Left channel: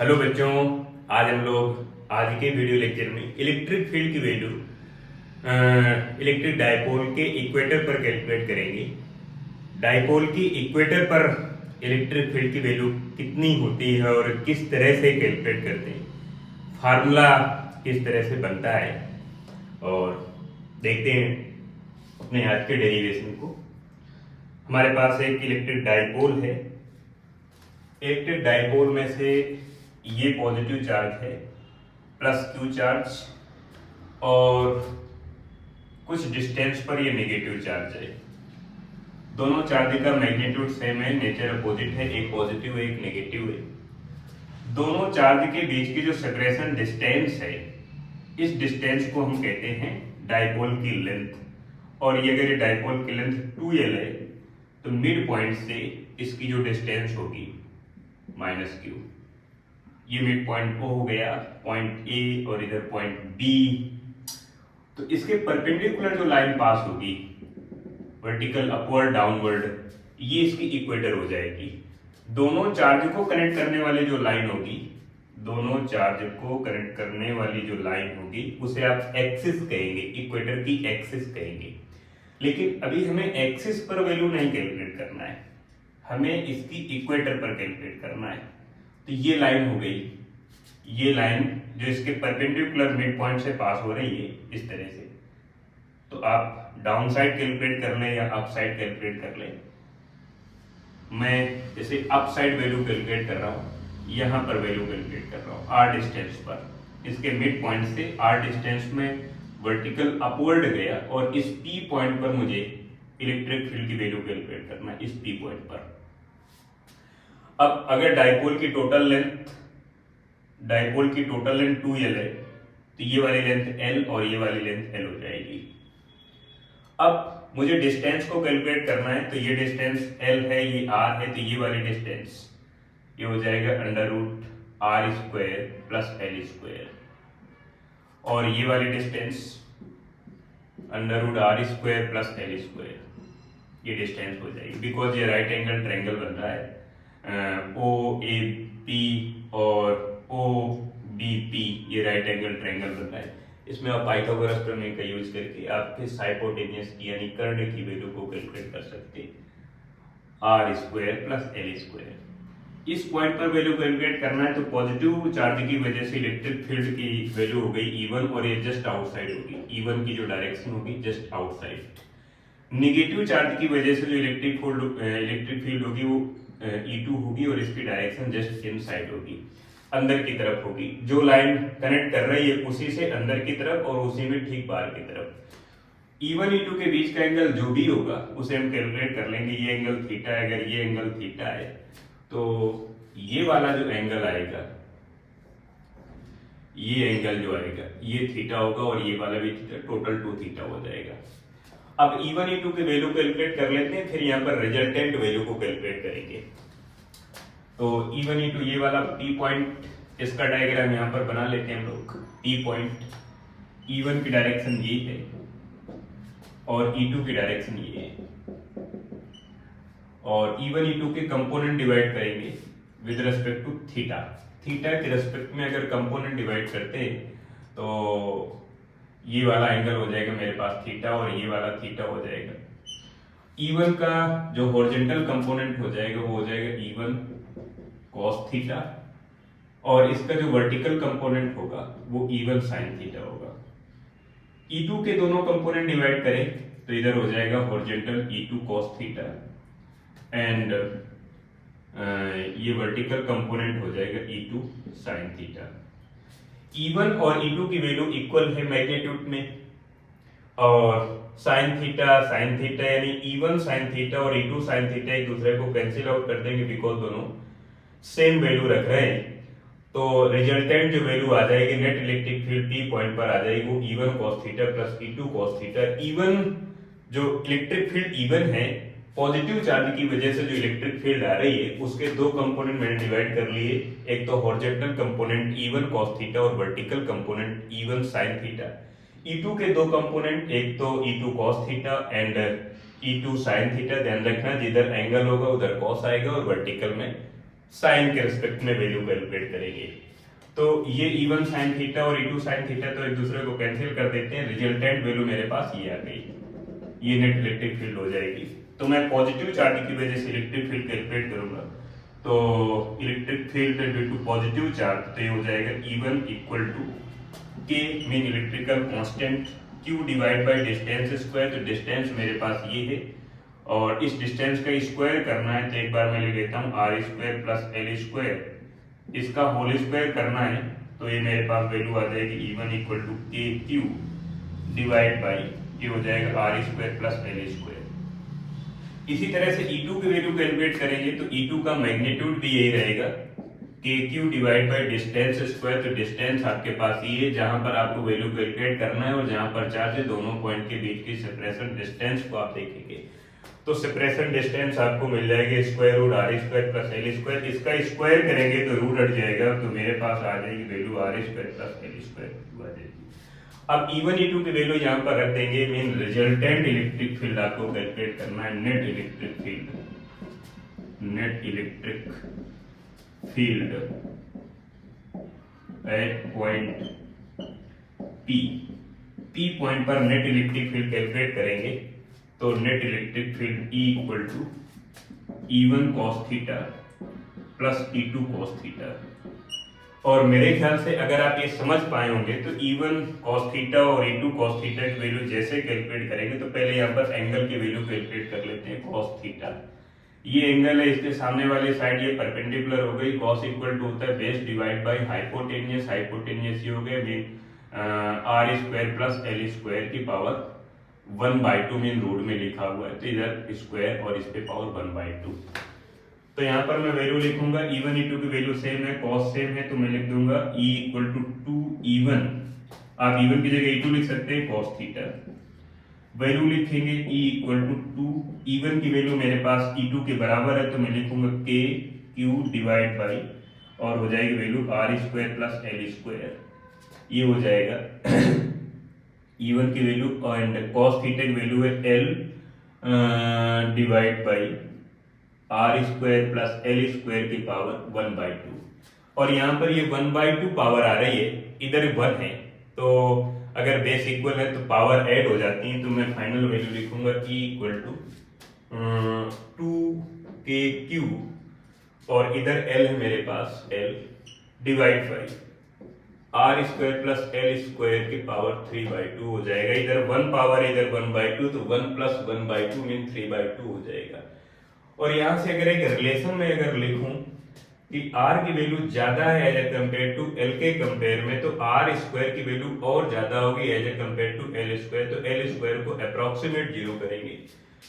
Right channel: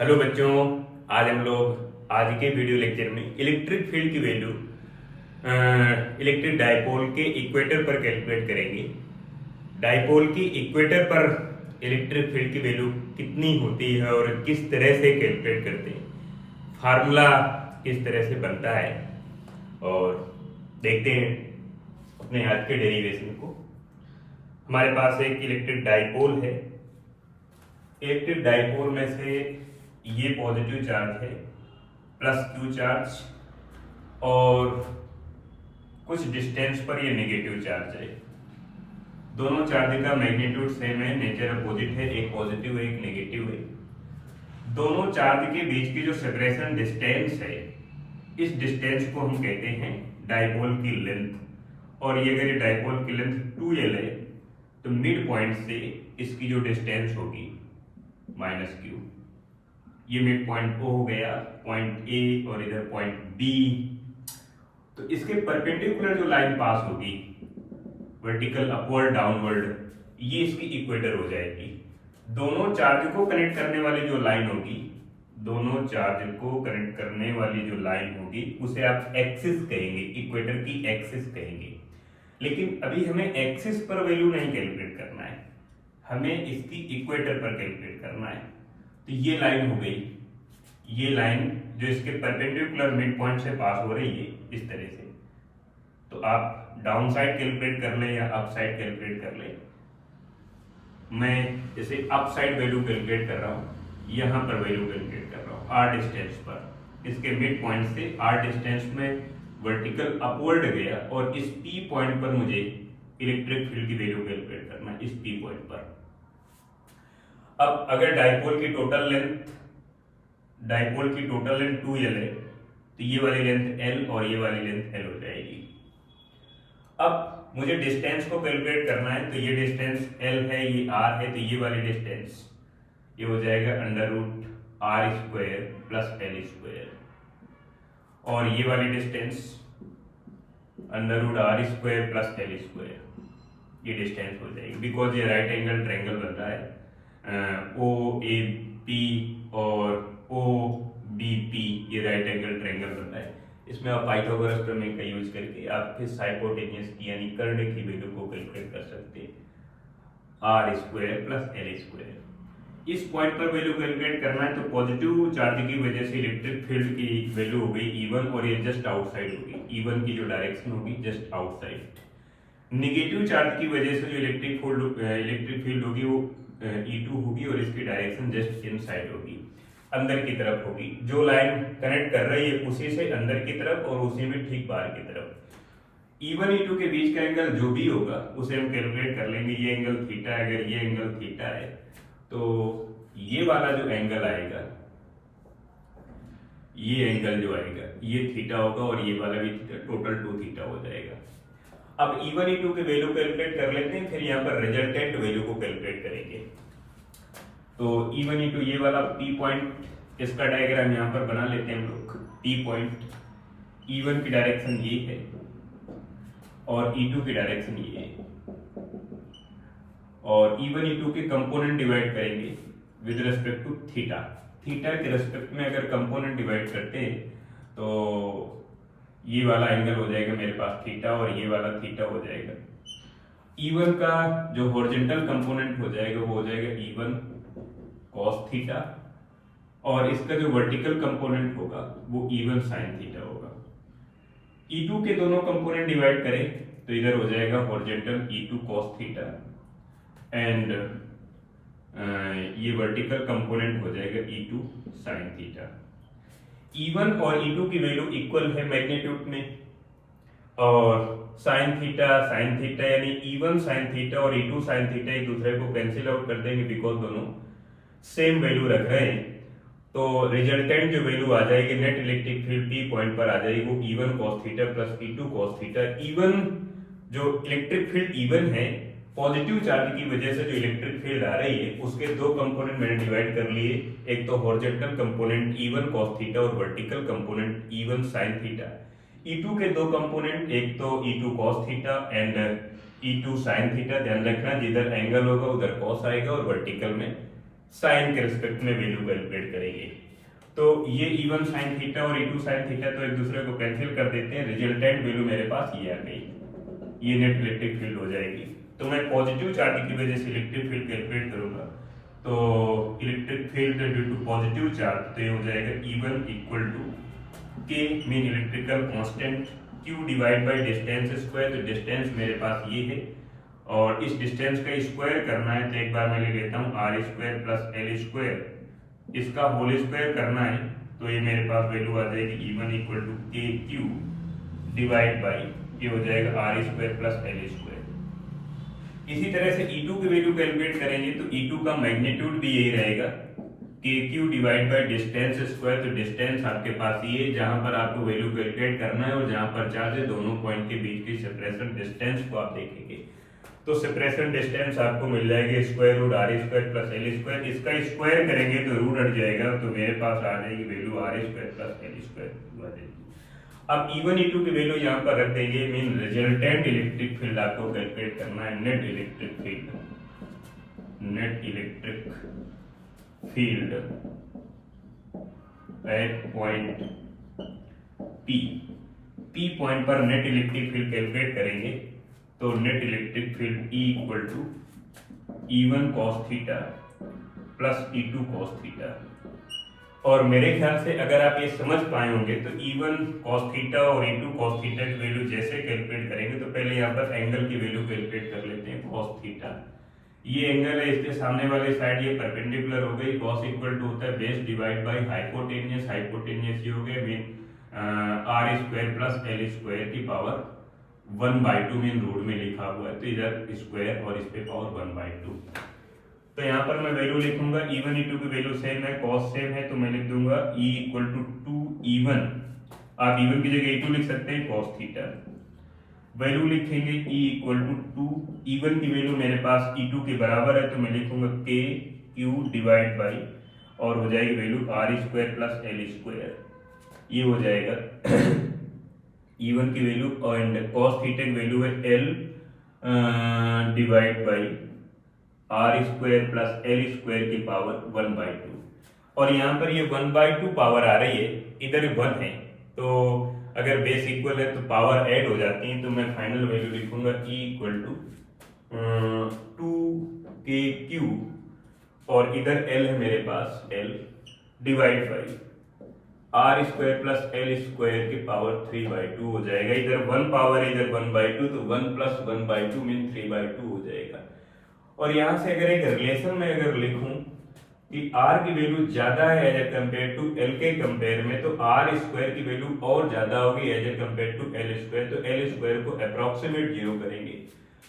Hello बच्चों, आज हम लोग आज के वीडियो लेक्चर में इलेक्ट्रिक फील्ड की वैल्यू इलेक्ट्रिक डायपोल के इक्वेटर पर कैलकुलेट करेंगे। डायपोल की इक्वेटर पर इलेक्ट्रिक फील्ड की वैल्यू कितनी होती है और किस तरह से कैलकुलेट करते हैं, फार्मूला किस तरह से बनता है और देखते हैं अपने आज के डेरिवेशन को। हमारे पास एक इलेक्ट्रिक डायपोल है। इलेक्ट्रिक डायपोल में से ये पॉजिटिव चार्ज है, प्लस क्यू चार्ज, और कुछ डिस्टेंस पर ये नेगेटिव चार्ज है। दोनों चार्ज का मैग्नीट्यूड सेम है, नेचर अपोजिट है, एक पॉजिटिव है एक नेगेटिव है। दोनों चार्ज के बीच की जो सेपरेशन डिस्टेंस है, इस डिस्टेंस को हम कहते हैं डायपोल की लेंथ। और ये अगर डायपोल की लेंथ 2l है तो मिड पॉइंट से इसकी जो डिस्टेंस होगी -q, ये मिड पॉइंट ओ हो गया, पॉइंट ए और इधर पॉइंट बी। तो इसके परपेंडिकुलर जो लाइन पास होगी, वर्टिकल अपवर्ड डाउनवर्ड, ये इसकी इक्वेटर हो जाएगी। दोनों चार्ज को कनेक्ट करने वाली जो लाइन होगी, दोनों चार्ज को कनेक्ट करने वाली जो लाइन होगी उसे आप एक्सिस कहेंगे, इक्वेटर की एक्सिस कहेंगे। लेकिन अभी हमें एक्सिस पर वैल्यू नहीं कैलकुलेट करना है, हमें इसकी इक्वेटर पर कैलकुलेट करना है। तो ये लाइन हो गई, ये लाइन जो इसके परपेंडिकुलर मिड पॉइंट से पास हो रही है इस तरह से। तो आप डाउन साइड कैलकुलेट कर ले या अप साइड कैलकुलेट कर ले। मैं इसे अप साइड वैल्यू कैलकुलेट कर रहा हूँ, यहाँ पर वैल्यू कैलकुलेट कर रहा हूँ आर डिस्टेंस पर। इसके मिड पॉइंट से आर डिस्टेंस में वर्टिकल अपवर्ड गया और इस पी पॉइंट पर मुझे इलेक्ट्रिक फील्ड की वैल्यू कैलकुलेट करना है, इस पी पॉइंट पर। अब अगर डायपोल की टोटल लेंथ 2l है तो ये वाली लेंथ l और ये वाली लेंथ l हो जाएगी। अब मुझे डिस्टेंस को कैलकुलेट करना है, तो ये डिस्टेंस l है, ये r है, तो ये वाली डिस्टेंस ये हो जाएगा √r² प्लस l²। और ये वाली डिस्टेंस √r² प्लस l², ये डिस्टेंस हो जाएगी। बिकॉज ये राइट एंगल ट्रायंगल बन रहा है, OAP और OBP, ये राइट एंगल ट्रायंगल बन रहा है। इसमें आप पाइथागोरस प्रमेय का यूज करके आप फिर हाइपोटेन्यूज की यानी कर्ण की वैल्यू को कैलकुलेट कर सकते हैं, r² प्लस l²। इस पॉइंट पर वैल्यू कैलकुलेट करना है तो पॉजिटिव चार्ज की वजह से इलेक्ट्रिक फील्ड की वैल्यू हो गई E1 और ये जस्ट आउटसाइड होगी, E1 की जो डायरेक्शन होगी जस्ट आउटसाइड। नेगेटिव चार्ज की वजह से जो इलेक्ट्रिक फील्ड होगी वो E2 होगी और इसकी डायरेक्शन जस्ट इनसाइड होगी, अंदर की तरफ होगी। जो लाइन कनेक्ट कर रही है उसी से अंदर की तरफ और उसी में ठीक बाहर की तरफ। E1 E2 के बीच का एंगल जो भी होगा उसे हम कैलकुलेट कर लेंगे। ये एंगल थीटा है, अगर ये एंगल थीटा है तो ये वाला जो एंगल आएगा, ये एंगल जो आएगा ये थीटा होगा और ये वाला भी थीटा, टोटल 2 थीटा हो जाएगा। अब E1 E2 के वैल्यू कैलकुलेट कर लेते हैं, फिर यहाँ पर रिजल्टेंट वैल्यू को कैलकुलेट करेंगे। तो E1 E2 ये वाला P पॉइंट, इसका डायग्राम यहाँ पर बना लेते हैं हम लोग। P पॉइंट, E1 की डायरेक्शन ये है और E2 की डायरेक्शन ये है। और E1 E2 के कंपोनेंट डिवाइड करेंगे with respect to theta. Theta के रिस्पेक्ट में अगर कंपोनेंट डिवाइड करते हैं तो ये वाला एंगल हो जाएगा मेरे पास थीटा और ये वाला थीटा हो जाएगा। E1 का जो हॉरिजॉन्टल कंपोनेंट हो जाएगा वो हो जाएगा E1 cos थीटा और इसका जो वर्टिकल कंपोनेंट होगा वो E1 sin थीटा होगा। E2 के दोनों कंपोनेंट डिवाइड करें तो इधर हो जाएगा horizontal E2 cos theta and ये वर्टिकल कंपोनेंट हो जाएगा E2 sin थीटा। E1 और E2 की वैल्यू इक्वल है मैग्नीट्यूड में, और sin थीटा यानी E1 sin थीटा और E2 sin थीटा एक दूसरे को कैंसिल आउट कर देंगे बिकॉज दोनों सेम वैल्यू रख रहे हैं। तो रिजल्टेंट जो वैल्यू आ जाएगी net electric field P point पर आ जाएगी वो E1 cos theta plus E2 cos theta. E1 जो इलेक्ट्रिक फील्ड E1 है, पॉजिटिव चार्ज की वजह से जो इलेक्ट्रिक फील्ड आ रही है उसके दो कंपोनेंट मैंने डिवाइड कर लिए, एक तो horizontal component E1 cos theta और vertical component E1 sin theta. E2 के दो कंपोनेंट, एक तो E2 cos theta and E2 sin theta. ध्यान रखना जिधर एंगल होगा उधर cos आएगा और वर्टिकल में साइन के रिस्पेक्ट में वैल्यू कैलकुलेट करेंगे। तो ये E1 साइन थीटा और E2 साइन थीटा तो एक दूसरे को कैंसिल कर देते हैं, रिजल्टेंट वैल्यू मेरे पास ये आ गई, ये नेट इलेक्ट्रिक फील्ड हो जाएगी। तो मैं पॉजिटिव चार्ज की वजह से इलेक्ट्रिक फील्ड कैलकुलेट करूंगा, तो electric field due to positive charge तो ये हो जाएगा E1 equal to K mean electrical constant Q divide by distance square. तो डिस्टेंस मेरे पास ये है और इस डिस्टेंस का स्क्वायर करना है, तो एक बार मैं ले लेता हूँ R square plus L square, इसका होल स्क्वायर करना है, तो ये मेरे पास वैल्यू आ जाएगी E1 equal to K Q divide by ये हो जाएगा R square plus L square. इसी तरह से E2 की वैल्यू कैलकुलेट करेंगे तो E2 का मैग्नीट्यूड भी यही रहेगा के Q divide by distance square. तो डिस्टेंस आपके पास ये जहां पर आपको वैल्यू कैलकुलेट करना है और जहां पर चार्ज है, दोनों पॉइंट के बीच की सेपरेशन डिस्टेंस को आप देखेंगे, तो सेपरेशन डिस्टेंस आपको मिल जाएगी square root R square plus L square. इसका स्क्वायर करेंगे तो रूट हट जाएगा, तो मेरे पास आ जाएगी value R square plus L square आ जाएगी। अब E1 E2 की वैल्यू यहाँ पर रख देंगे, मीन रिजल्टेंट इलेक्ट्रिक फील्ड आपको कैलकुलेट करना है, net electric field at point P point पर नेट इलेक्ट्रिक फील्ड कैलकुलेट करेंगे, तो net electric field E equal to E1 cos theta plus E2 cos theta. और मेरे ख्याल से अगर आप ये समझ पाए होंगे तो E1 cos थीटा और E2 cos थीटा की वैल्यू जैसे कैलकुलेट करेंगे, तो पहले यहाँ पर एंगल की वैल्यू कैलकुलेट कर लेते हैं। cos थीटा ये एंगल है, इसके सामने वाले साइड ये परपेंडिकुलर हो गई, cos इक्वल टू होता है base divide by hypotenuse, hypotenuse ये हो गया mean R square plus L square की पावर 1/2 मीन रूट में लिखा हुआ है, तो इधर स्क्वायर और इस पे पावर 1/2। तो यहाँ पर मैं वैल्यू लिखूंगा E1 E2 की वैल्यू सेम है, cos सेम है, तो मैं लिख दूंगा E इक्वल टू 2E1, आप E1 की जगह E2 लिख सकते हैं, cos थीटा। वैल्यू लिखेंगे E इक्वल टू 2, E1 की वैल्यू मेरे पास E2 के बराबर है, तो मैं लिखूंगा K Q डिवाइड बाई और हो जाएगी value R square plus L square, ये हो जाएगा E1 की वैल्यू एंड cos थीटा की वैल्यू है L divide by R square plus L square की पावर 1/2। और यहाँ पर ये 1/2 पावर आ रही है, इधर 1 है, तो अगर बेस इक्वल है तो पावर ऐड हो जाती है, तो मैं फाइनल वैल्यू लिखूंगा E इक्वल टू 2KQ और इधर L है मेरे पास L divide by R square plus L square की पावर 3/2 हो जाएगा। इधर 1 पावर इधर 1/2, तो 1 प्लस 1/2 मीन 3/2 हो जाएगा। और यहाँ से अगर एक रिलेशन में अगर लिखूं कि R की वैल्यू ज्यादा है as a compare to L के कंपेयर में, तो R स्क्वायर की वैल्यू और ज्यादा होगी as a compare to L square, तो L स्क्वायर को अप्रोक्सीमेट 0 करेंगे,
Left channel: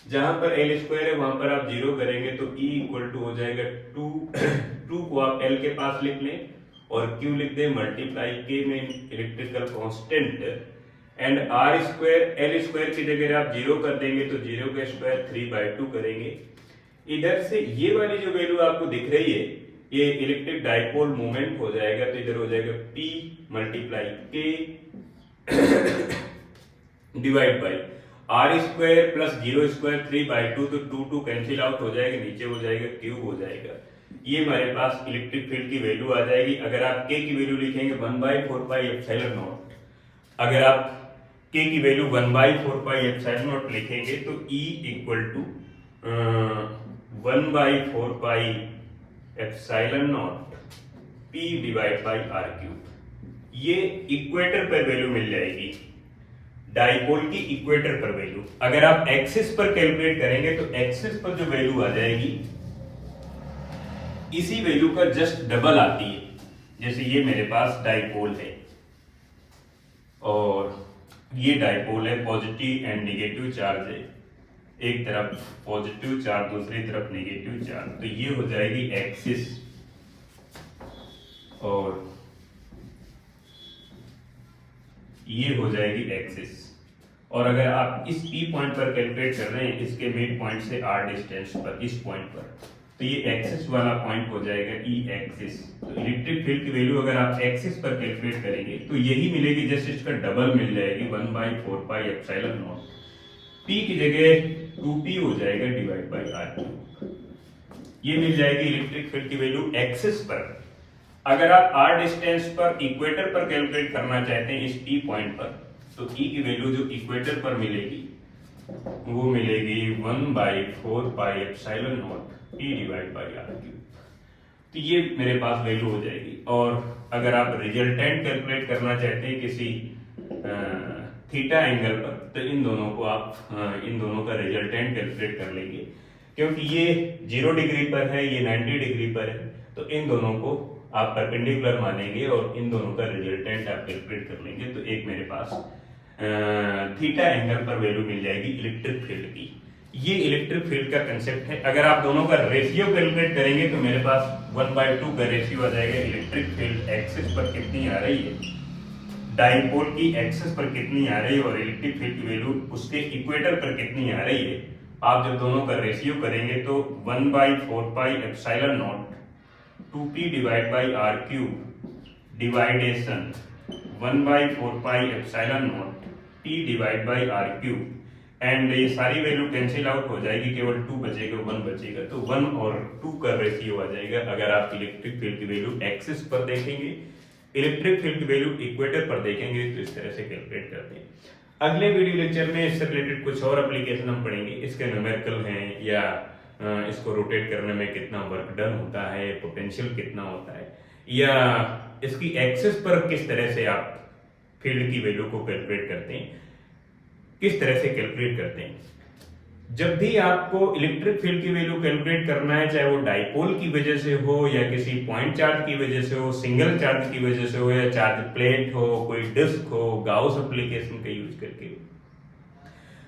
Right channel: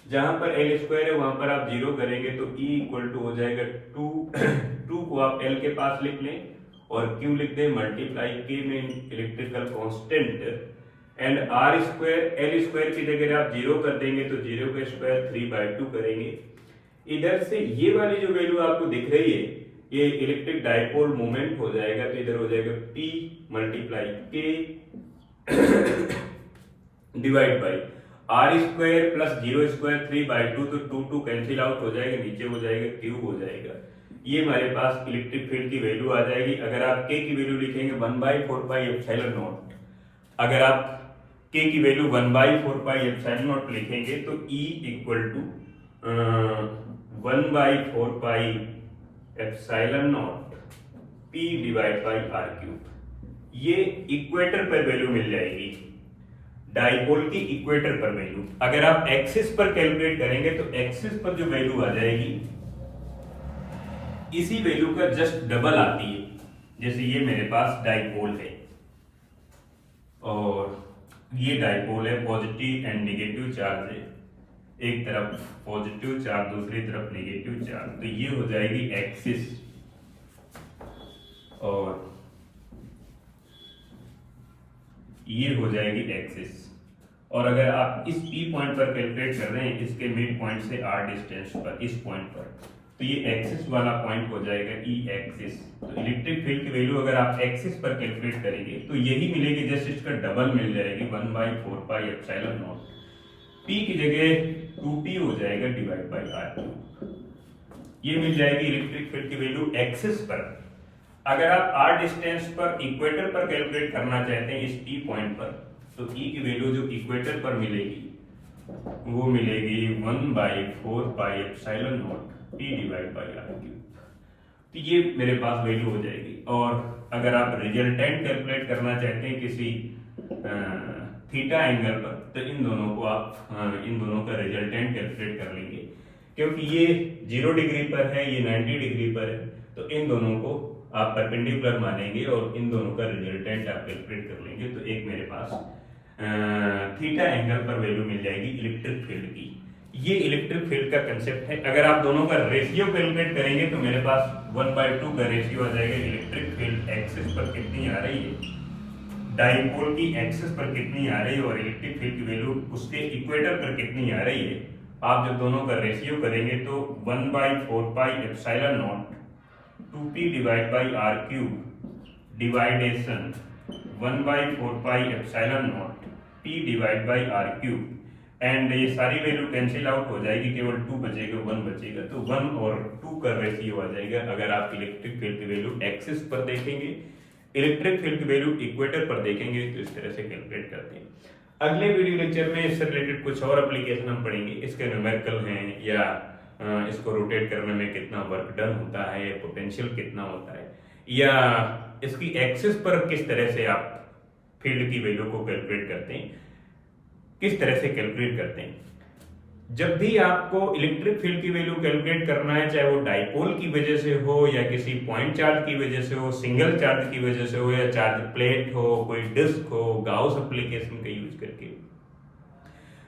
जहां पर L स्क्वायर है वहां पर आप 0 करेंगे, तो E इक्वल टू हो जाएगा 2 को आप L के पास लिख लें और Q लिख दें मल्टीप्लाई K में electrical constant and R square L square की जगह आप 0 कर देंगे, तो 0 का स्क्वायर 3/2 करेंगे। इधर से ये वाली जो वैल्यू आपको दिख रही है ये इलेक्ट्रिक डाइपोल मोमेंट हो जाएगा, तो इधर हो जाएगा P multiply K divide by R square plus 0 square 3/2, तो 2 कैंसिल आउट हो जाएगा, नीचे हो जाएगा क्यूब हो जाएगा। ये हमारे पास इलेक्ट्रिक फील्ड की वैल्यू आ जाएगी। अगर आप K की वैल्यू लिखेंगे 1/4 पाई एप्सिलॉन नॉट, अगर आप K की वैल्यू 1/4 पाई एप्सिलॉन नॉट लिखेंगे तो E equal to 1/4 pi epsilon naught P divide by R cube. ये इक्वेटर पर वैल्यू मिल जाएगी, डाइपोल की इक्वेटर पर वैल्यू। अगर आप एक्सिस पर कैलकुलेट करेंगे तो एक्सिस पर जो वैल्यू आ जाएगी इसी वैल्यू का जस्ट डबल आती है। जैसे ये मेरे पास डाइपोल है और ये डाइपोल है, पॉजिटिव एंड नेगेटिव चार्ज है, एक तरफ पॉजिटिव चार्ज दूसरी तरफ नेगेटिव चार्ज, तो ये हो जाएगी एक्सिस और ये हो जाएगी एक्सिस। और अगर आप इस P पॉइंट पर कैलकुलेट कर रहे हैं इसके मिड पॉइंट से R डिस्टेंस पर, इस पॉइंट पर, तो ये एक्सिस वाला पॉइंट हो जाएगा E एक्सिस। तो इलेक्ट्रिक फील्ड की वैल्यू अगर आप एक्सिस पर कैलकुलेट करेंगे तो यही मिलेगी, जस्ट इसका डबल मिल जाएगी 1/4 पाई एप्सिलॉन नॉट। P की जगह 2P हो जाएगा डिवाइड बाई R क्यूब। ये मिल जाएगी इलेक्ट्रिक फील्ड की वैल्यू एक्सिस पर। अगर आप r डिस्टेंस पर इक्वेटर पर कैलकुलेट करना चाहते हैं इस P पॉइंट पर, तो E की वैल्यू जो इक्वेटर पर मिलेगी वो मिलेगी 1/4πε0 P divide by r cube. तो ये मेरे पास वैल्यू हो जाएगी। और अगर आप रिजल्टेंट कैलकुलेट करना चाहते हैं किसी थीटा एंगल पर, तो इन दोनों को आप इन दोनों का रिजल्टेंट कैलकुलेट कर लेंगे। क्योंकि ये 0 डिग्री पर है, ये 90 डिग्री पर है, तो इन दोनों को आप परपेंडिकुलर मानेंगे और इन दोनों का रिजल्टेंट आप कैलकुलेट कर लेंगे। तो एक मेरे पास थीटा एंगल पर वैल्यू मिल जाएगी इलेक्ट्रिक फील्ड की। ये इलेक्ट्रिक फील्ड का कंसेप्ट है। अगर आप दोनों का रेशियो कैलकुलेट करेंगे तो मेरे पास 1/2 का रेशियो आ जाएगा। इलेक्ट्रिक फील्ड एक्सिस पर कितनी आ रही है, डाइपोल की एक्सिस पर कितनी आ रही है, और इलेक्ट्रिक फील्ड की वैल्यू उसके इक्वेटर पर कितनी आ रही है। आप जब दोनों का रेशियो करेंगे तो 1/4πε0 2p divide by r cube division 1/4πε0 p divide by r cube, and ये सारी वैल्यू कैंसिल आउट हो जाएगी, केवल 2 बचेगा, 1 बचेगा। तो 1 और 2 का रेशियो आ जाएगा। अगर आप इलेक्ट्रिक फील्ड की वैल्यू एक्सिस पर देखेंगे, इलेक्ट्रिक फील्ड की वैल्यू इक्वेटर पर देखेंगे, तो इस तरह से कैलकुलेट करते हैं। अगले वीडियो लेक्चर में इससे रिलेटेड कुछ और एप्लीकेशन हम पढ़ेंगे। इसके न्यूमेरिकल हैं, या इसको रोटेट करने में कितना वर्क डन होता है, पोटेंशियल कितना होता है, या इसकी एक्सिस पर किस तरह से आप फील्ड की वैल्यू को कैलकुलेट करते हैं, किस तरह से कैलकुलेट करते हैं। जब भी आपको इलेक्ट्रिक फील्ड की वैल्यू कैलकुलेट करना है, चाहे वो डाइपोल की वजह से हो, या किसी पॉइंट चार्ज की वजह से हो, सिंगल चार्ज की वजह से हो, या चार्ज प्लेट हो, कोई डिस्क हो, गाउस एप्लीकेशन का यूज करके हो,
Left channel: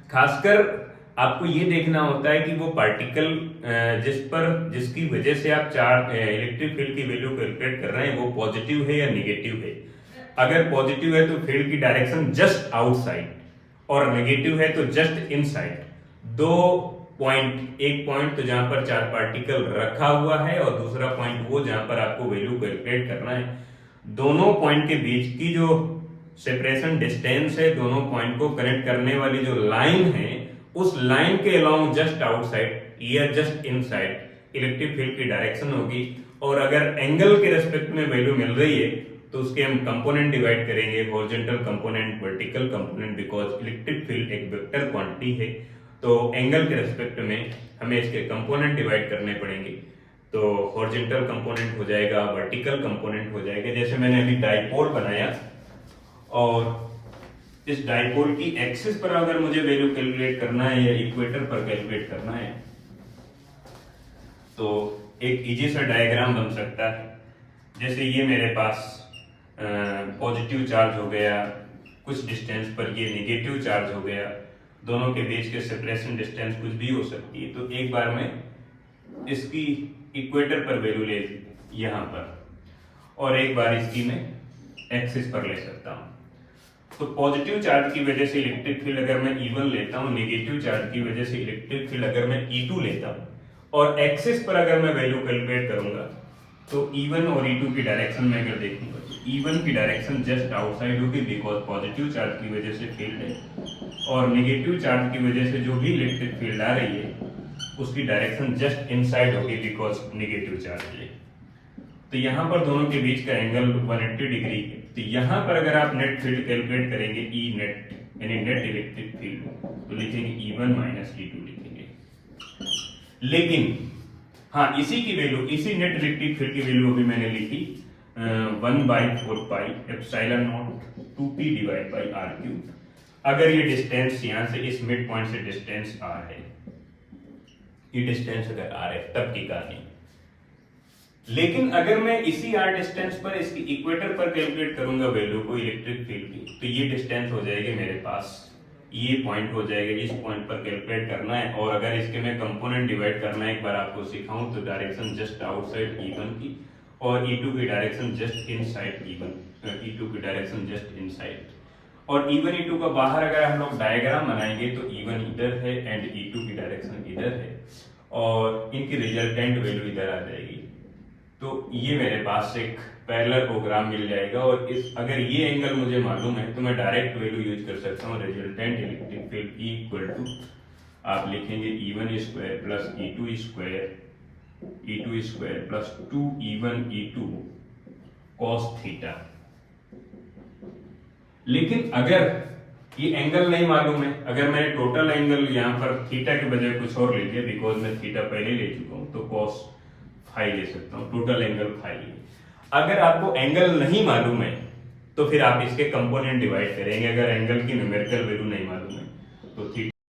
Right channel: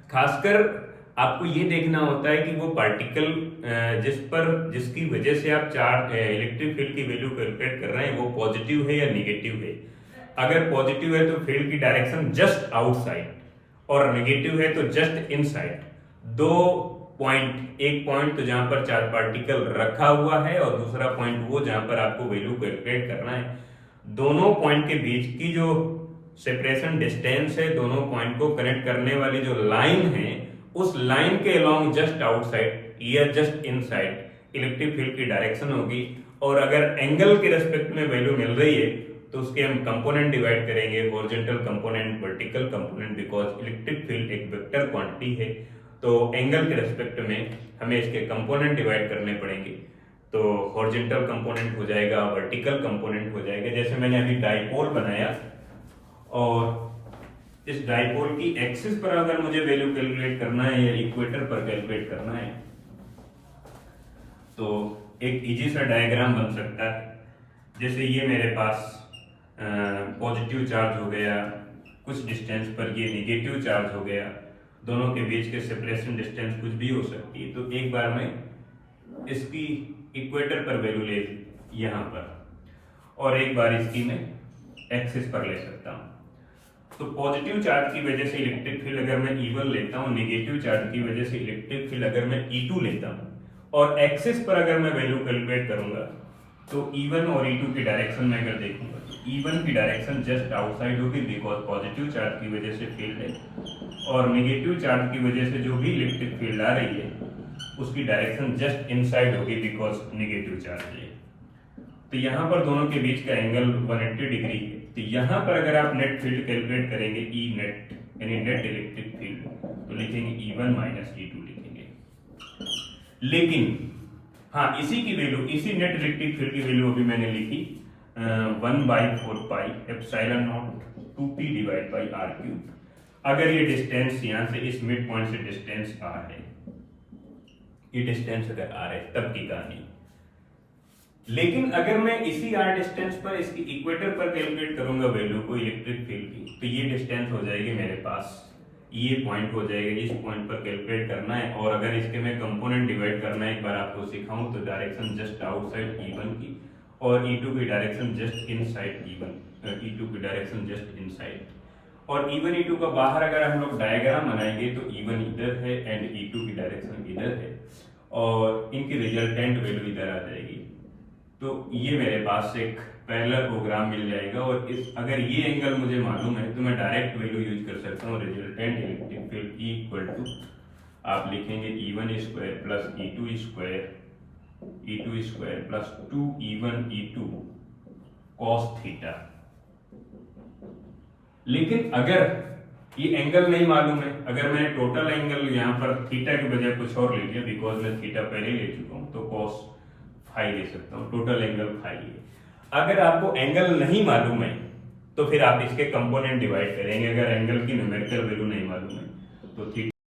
खासकर आपको ये देखना होता है कि वो पार्टिकल जिसकी वजह से आप चार्ज इलेक्ट्रिक फील्ड की वैल्यू कैलकुलेट कर रहे हैं वो पॉजिटिव है या निगेटिव है। अगर पॉजिटिव है तो फील्ड की डायरेक्शन जस्ट आउटसाइड, और नेगेटिव है तो जस्ट इनसाइड। दो पॉइंट, एक पॉइंट तो जहां पर चार्ज पार्टिकल रखा हुआ है, और दूसरा पॉइंट वो जहां पर आपको वैल्यू कैलकुलेट करना है। दोनों पॉइंट के बीच की जो सेपरेशन डिस्टेंस है, दोनों पॉइंट को कनेक्ट करने वाली जो लाइन है, उस लाइन के अलोंग जस्ट आउटसाइड या जस्ट इनसाइड इलेक्ट्रिक फील्ड की डायरेक्शन होगी। और अगर एंगल के रेस्पेक्ट में वैल्यू मिल रही है तो उसके हम कंपोनेंट डिवाइड करेंगे, horizontal component, vertical component, because electric field एक वेक्टर क्वांटिटी है। तो एंगल के रेस्पेक्ट में हमें इसके कंपोनेंट डिवाइड करने पड़ेंगे। तो हॉरिजॉन्टल कंपोनेंट हो जाएगा, वर्टिकल कंपोनेंट हो जाएगा। जैसे मैंने अभी डाइपोल बनाया, और इस डाइपोल की एक्सिस पर अगर मुझे वैल्यू कैलकुलेट करना है या इक्वेटर पर कैलकुलेट करना है, तो एक इजी सा डायग्राम बन सकता है। जैसे ये मेरे पास पॉजिटिव चार्ज हो गया, कुछ डिस्टेंस पर ये नेगेटिव चार्ज हो गया, दोनों के बीच के सेपरेशन डिस्टेंस कुछ भी हो सकती है। तो एक बार मैं इसकी इक्वेटर पर वैल्यू ले यहाँ पर, और एक बार इसकी मैं एक्सिस पर ले सकता हूँ। तो पॉजिटिव चार्ज की वजह से इलेक्ट्रिक फील्ड अगर मैं E1 लेता हूँ, नेगेटिव चार्ज की वजह से इलेक्ट्रिक फील्ड अगर मैं E2 लेता हूँ, और एक्सिस पर अगर मैं वैल्यू कैलकुलेट करूंगा तो E1 और E2 की डायरेक्शन में अगर देखूंगा तो E1 की डायरेक्शन जस्ट आउटसाइड होगी, बिकॉज पॉजिटिव चार्ज की वजह से फील्ड है, और नेगेटिव चार्ज की वजह से जो भी इलेक्ट्रिक फील्ड आ रही है उसकी डायरेक्शन जस्ट इनसाइड होगी, बिकॉज नेगेटिव चार्ज है। तो यहाँ पर दोनों के बीच का एंगल 180 डिग्री है। तो यहाँ पर अगर आप नेट फील्ड कैलकुलेट करेंगे, ई नेट यानी नेट इलेक्ट्रिक फील्ड, तो लिखेंगे E1 माइनस E2 लिखेंगे। लेकिन हाँ, इसी की वैल्यू, इसी नेट इलेक्ट्रिक फील्ड की वैल्यू अभी मैंने लिखी 1/4πε0 2p divide by r cube. अगर ये डिस्टेंस यहाँ से इस मिड पॉइंट से डिस्टेंस r है, ये डिस्टेंस अगर r है तब की कहानी। लेकिन अगर मैं इसी r डिस्टेंस पर इसकी इक्वेटर पर कैलकुलेट करूंगा वैल्यू को इलेक्ट्रिक फील्ड की, तो ये डिस्टेंस हो जाएगी मेरे पास, ये पॉइंट हो जाएगा, इस पॉइंट पर कैलकुलेट करना है। और अगर इसके मैं कंपोनेंट डिवाइड करना है, एक बार आपको सिखाऊं, तो डायरेक्शन जस्ट आउटसाइड E1 की, और E2 की direction just inside E1, E2 की डायरेक्शन जस्ट इनसाइड। और E1 E2 का बाहर अगर हम लोग डायग्राम बनाएंगे तो E1 इधर है एंड E2 की डायरेक्शन इधर है, और इनकी रिजल्टेंट वैल्यू इधर आ जाएगी। तो ये मेरे पास एक पैरेलल प्रोग्राम मिल जाएगा। और इस अगर ये एंगल मुझे मालूम है तो मैं डायरेक्ट वैल्यू यूज कर सकता हूँ, resultant electric field E equal to आप लिखेंगे E1 square plus E2 square E2 square plus 2E1 E2 cos theta. लेकिन अगर ये एंगल नहीं मालूम है, अगर मैंने टोटल एंगल यहाँ पर थीटा के बजाय कुछ और ले लिया, बिकॉज मैं थीटा पहले ले चुका हूँ, तो cos फाई ले सकता हूँ, टोटल एंगल फाई है। अगर आपको एंगल नहीं मालूम है तो फिर आप इसके कंपोनेंट डिवाइड करेंगे। अगर एंगल की न्यूमेरिकल वैल्यू नहीं मालूम है तो थीटा